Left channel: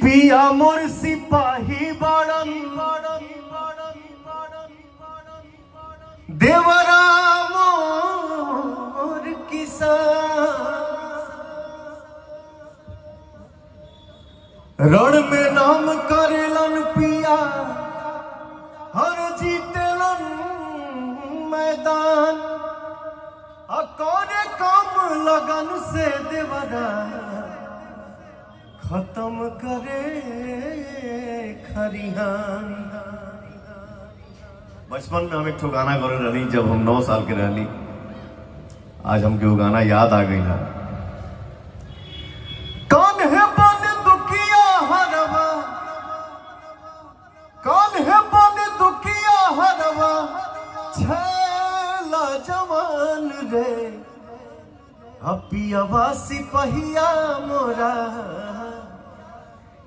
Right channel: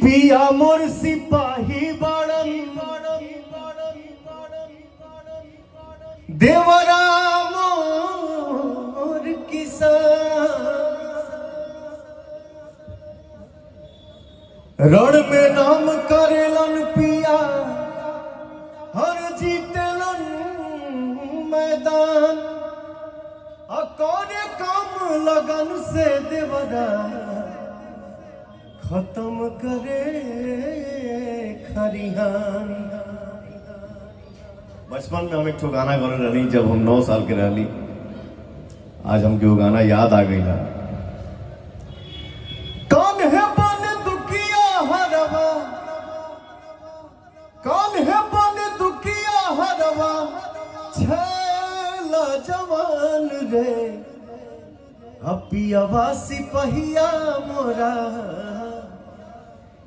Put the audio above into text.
पिया मोर सिपाही बड़न देवरा मोर किसान रण में नाम करेलन पिया हर जीतेलन मैदान अकोने कम लगन से देवरा खत्म करे खरिहान। बचपन में हम एक ठो गाना गा रही जब हम 9 साल के रहनी। आज हमके वो गाना याद आ गई ना। कौन है बन दुखिया हरवा, कौन है बन दुखिया हरवा, छैला जवान रे अपियावा सिपहिया मोरा